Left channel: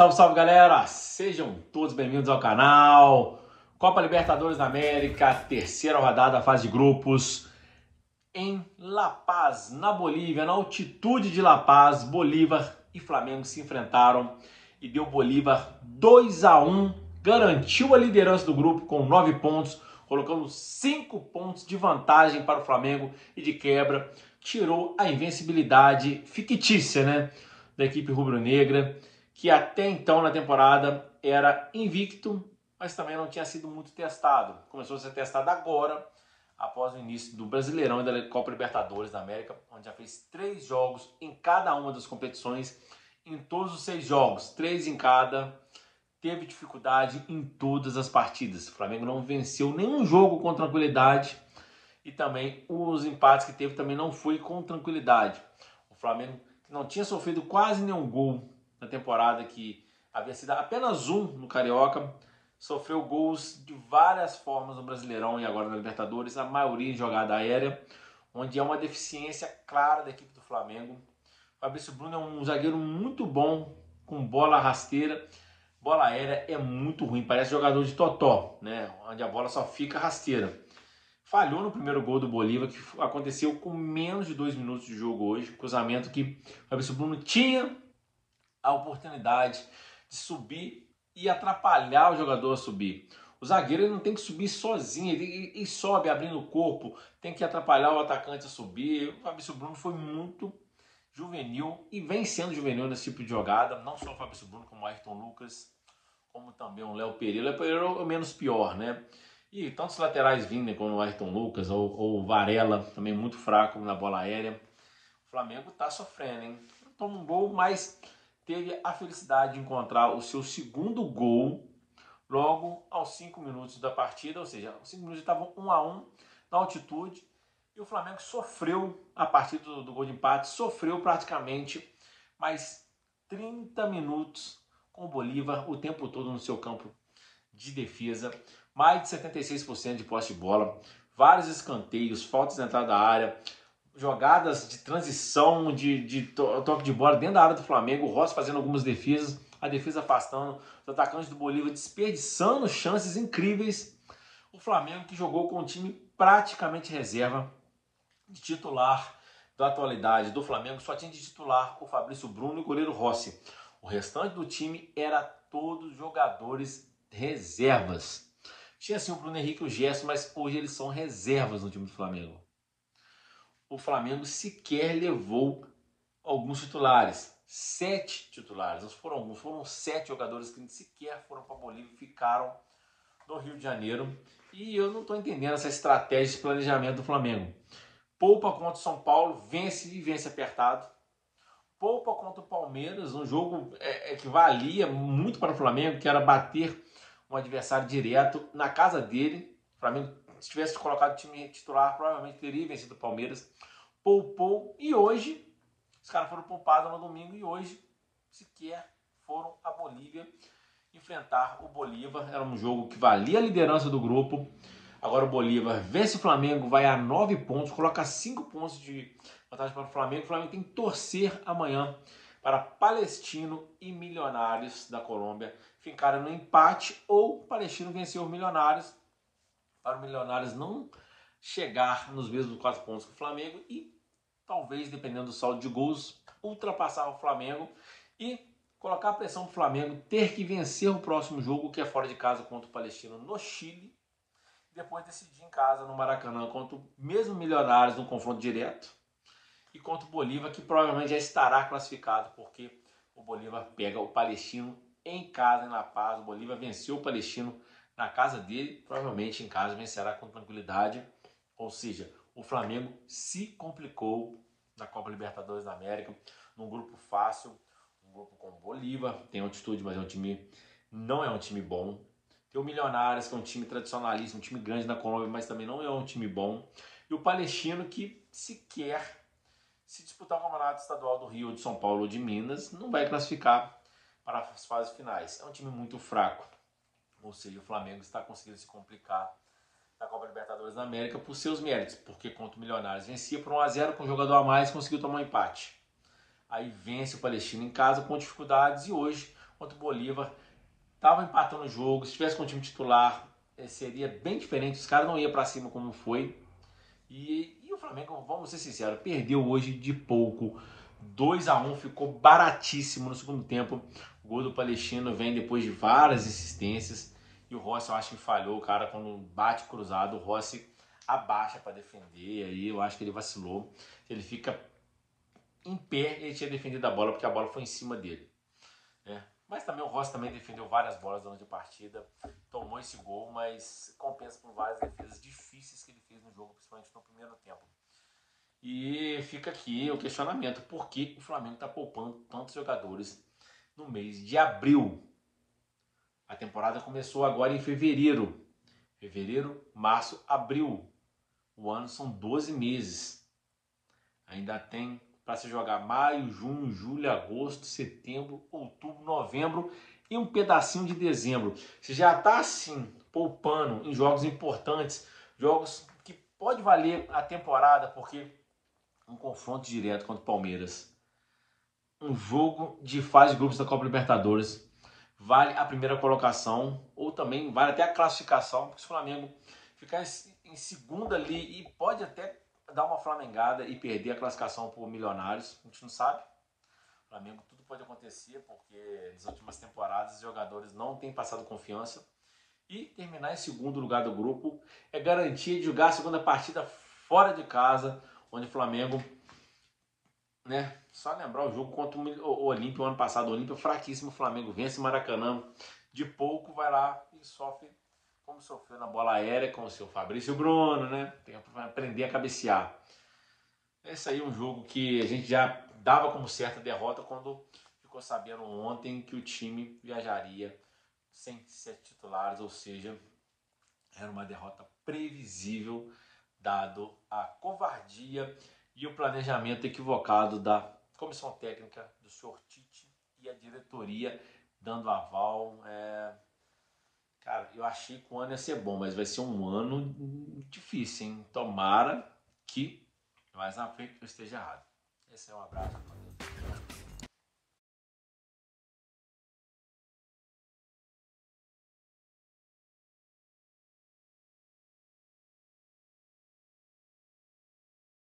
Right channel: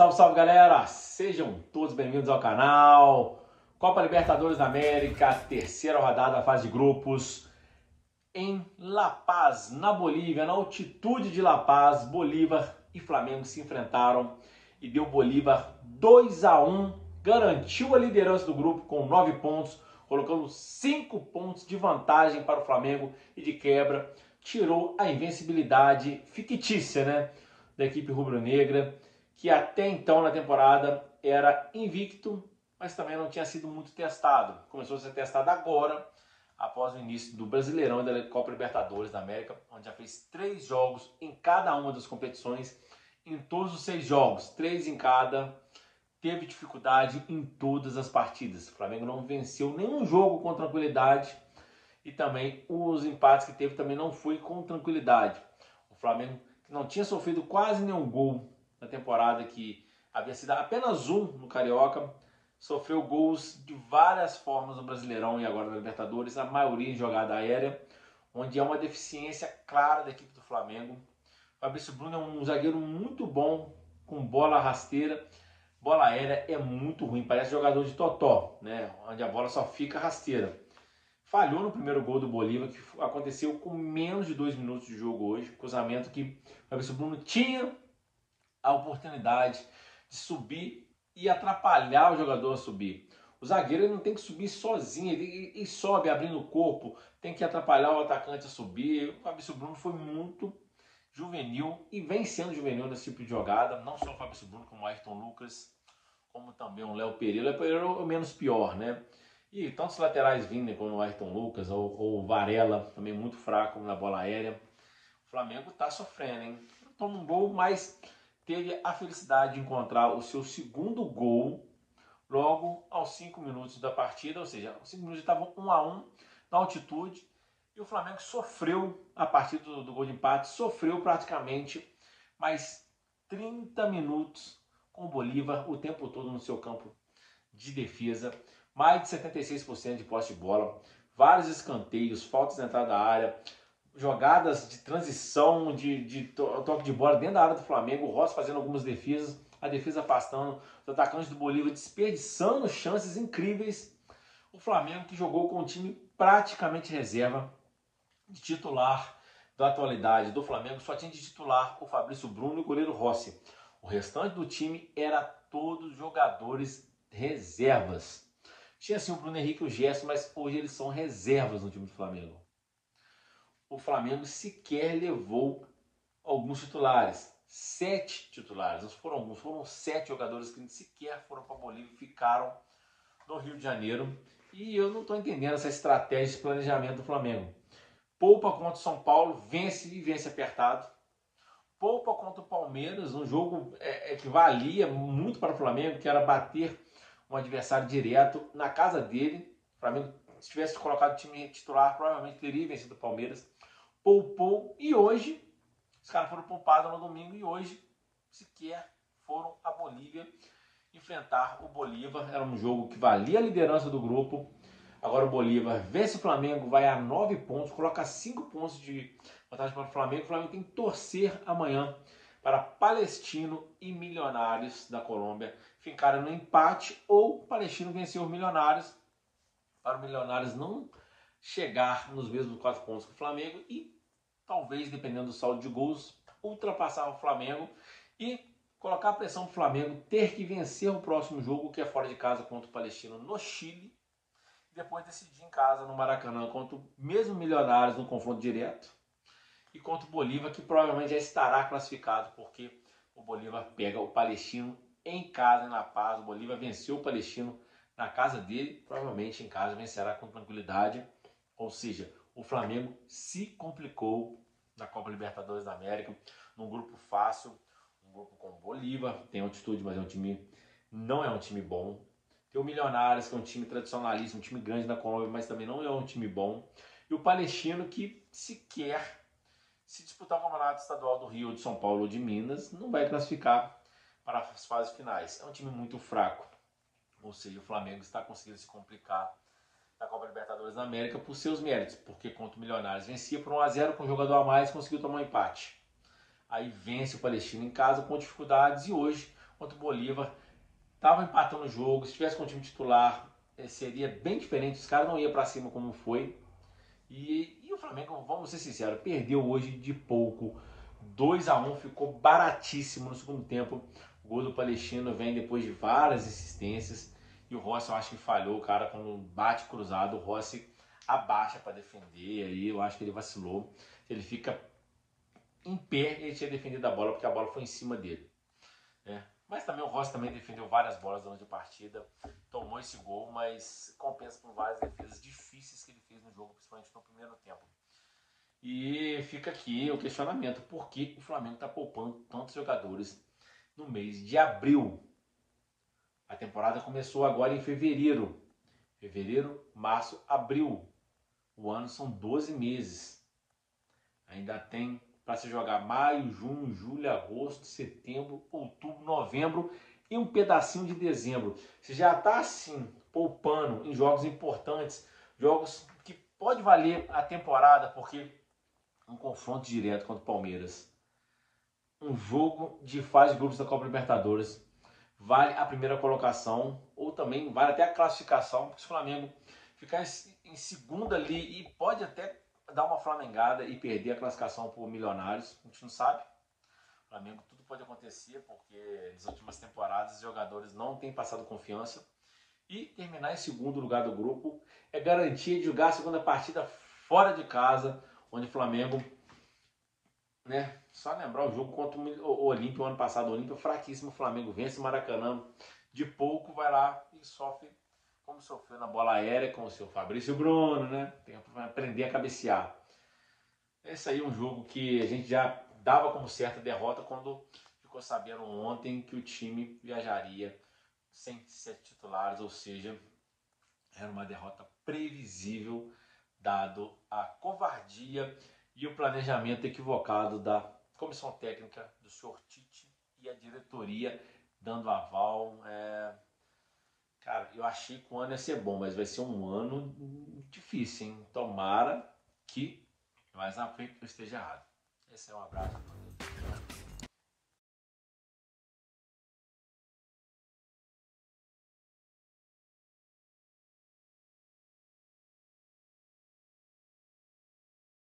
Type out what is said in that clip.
Salve, salve, galera! Sejam todos bem-vindos ao canal. Copa Libertadores da América, terceira rodada da fase de grupos. Em La Paz, na Bolívia, na altitude de La Paz, Bolívar e Flamengo se enfrentaram e deu Bolívar 2-1, garantiu a liderança do grupo com 9 pontos, colocando 5 pontos de vantagem para o Flamengo e de quebra tirou a invencibilidade fictícia, da equipe rubro-negra, que até então na temporada era invicto, mas também não tinha sido muito testado. Começou a ser testado agora, após o início do Brasileirão e da Copa Libertadores da América, onde já fez 3 jogos em cada uma das competições. Em todos os 6 jogos, 3 em cada, teve dificuldade em todas as partidas. O Flamengo não venceu nenhum jogo com tranquilidade e também os empates que teve também não foi com tranquilidade. O Flamengo, que não tinha sofrido quase nenhum gol na temporada, que havia sido apenas um no Carioca, sofreu gols de várias formas no Brasileirão e agora na Libertadores, a maioria em jogada aérea, onde é uma deficiência clara da equipe do Flamengo. O Fabrício Bruno é um zagueiro muito bom, com bola rasteira. Bola aérea é muito ruim, parece jogador de totó, onde a bola só fica rasteira. Falhou no primeiro gol do Bolívar, que aconteceu com menos de 2 minutos de jogo hoje. Cruzamento que o Fabrício Bruno tinha a oportunidade de subir e atrapalhar o jogador a subir. O zagueiro ele não tem que subir sozinho, ele sobe abrindo o corpo, tem que atrapalhar o atacante a subir. O Fabrício Bruno foi muito juvenil e vem sendo juvenil nesse tipo de jogada. Não só o Fabrício Bruno, como o Ayrton Lucas, como também o Léo Pereira. O Léo Pereira é o menos pior, E tantos laterais vindo, como o Ayrton Lucas ou o Varela, também muito fraco na bola aérea. O Flamengo tá sofrendo, hein? Toma um gol, mas teve a felicidade de encontrar o seu segundo gol logo aos 5 minutos da partida, ou seja, os 5 minutos estavam 1-1 na altitude, e o Flamengo sofreu a partir do gol de empate, sofreu praticamente mais 30 minutos com o Bolívar o tempo todo no seu campo de defesa, mais de 76% de posse de bola, vários escanteios, faltas na entrada da área, jogadas de transição, de toque de bola dentro da área do Flamengo, o Rossi fazendo algumas defesas, a defesa afastando, os atacantes do Bolívar desperdiçando chances incríveis. O Flamengo que jogou com um time praticamente reserva, de titular da atualidade do Flamengo, só tinha de titular o Fabrício Bruno e o goleiro Rossi. O restante do time era todos jogadores reservas. Tinha sim o Bruno Henrique e o Gerson, mas hoje eles são reservas no time do Flamengo. O Flamengo sequer levou alguns titulares. 7 titulares, não foram alguns, foram 7 jogadores que sequer foram para a Bolívia e ficaram no Rio de Janeiro. E eu não estou entendendo essa estratégia de planejamento do Flamengo. Poupa contra o São Paulo, vence e vence apertado. Poupa contra o Palmeiras, um jogo que valia muito para o Flamengo, que era bater um adversário direto na casa dele. O Flamengo, se tivesse colocado o time titular, provavelmente teria vencido o Palmeiras. Poupou e hoje, os caras foram poupados no domingo e hoje sequer foram à Bolívia enfrentar o Bolívar. Era um jogo que valia a liderança do grupo. Agora o Bolívar vence o Flamengo, vai a 9 pontos, coloca 5 pontos de vantagem para o Flamengo. O Flamengo tem que torcer amanhã para Palestino e Milionários da Colômbia ficarem no empate ou o Palestino vencer os Milionários, para o Milionários não chegar nos mesmos 4 pontos que o Flamengo e talvez, dependendo do saldo de gols, ultrapassar o Flamengo e colocar a pressão para o Flamengo ter que vencer o próximo jogo, que é fora de casa contra o Palestino no Chile, e depois decidir em casa no Maracanã contra o mesmo Milionários no confronto direto e contra o Bolívar, que provavelmente já estará classificado, porque o Bolívar pega o Palestino em casa, em La Paz. O Bolívar venceu o Palestino na casa dele, provavelmente em casa vencerá com tranquilidade. Ou seja, o Flamengo se complicou na Copa Libertadores da América, num grupo fácil, um grupo com o Bolívar, tem altitude, mas não é um time bom. Tem o Milionários, que é um time tradicionalista, um time grande na Colômbia, mas também não é um time bom. E o Palestino, que sequer, se disputar o Campeonato Estadual do Rio, de São Paulo ou de Minas, não vai classificar para as fases finais. É um time muito fraco. Ou seja, o Flamengo está conseguindo se complicar na Copa Libertadores da América por seus méritos, porque contra o Milionários vencia por 1-0 com um jogador a mais e conseguiu tomar um empate. Aí vence o Palestino em casa com dificuldades e hoje contra o Bolívar. Tava empatando o jogo, se tivesse com o time titular, seria bem diferente, os caras não iam para cima como foi. E o Flamengo, vamos ser sinceros, perdeu hoje de pouco. 2-1, ficou baratíssimo no segundo tempo. O gol do Palestino vem depois de várias insistências. E o Rossi, eu acho que falhou, cara, quando bate cruzado, o Rossi abaixa para defender. Aí eu acho que ele vacilou. Ele fica em pé, ele tinha defendido a bola, porque a bola foi em cima dele. Mas também o Rossi também defendeu várias bolas durante a partida, tomou esse gol, mas compensa por várias defesas difíceis que ele fez no jogo, principalmente no primeiro tempo. E fica aqui o questionamento, por que o Flamengo está poupando tantos jogadores no mês de abril? A temporada começou agora em fevereiro. Fevereiro, março, abril. O ano são 12 meses. Ainda tem para se jogar maio, junho, julho, agosto, setembro, outubro, novembro e um pedacinho de dezembro. Você já está assim, poupando em jogos importantes, jogos que pode valer a temporada, porque um confronto direto contra o Palmeiras, um jogo de fase de grupos da Copa Libertadores, vale a primeira colocação, ou também vale até a classificação, porque se o Flamengo ficar em segundo ali e pode até dar uma flamengada e perder a classificação por Milionários, a gente não sabe. O Flamengo, tudo pode acontecer, porque nas últimas temporadas os jogadores não têm passado confiança. E terminar em segundo lugar do grupo é garantia de jogar a segunda partida fora de casa, onde o Flamengo, né, só lembrar o jogo contra o Olímpia, o ano passado, o Olímpia fraquíssimo, o Flamengo vence o Maracanã, de pouco vai lá e sofre como sofreu na bola aérea com o seu Fabrício Bruno, né? Tem que aprender a cabecear. Esse aí é um jogo que a gente já dava como certa derrota quando ficou sabendo ontem que o time viajaria sem 7 titulares, ou seja, era uma derrota previsível, dado a covardia e o planejamento equivocado da comissão técnica do senhor Tite e a diretoria dando aval. Cara, eu achei que o ano ia ser bom, mas vai ser um ano difícil, hein? Tomara que mais à frente eu esteja errado. Esse é um abraço a todos.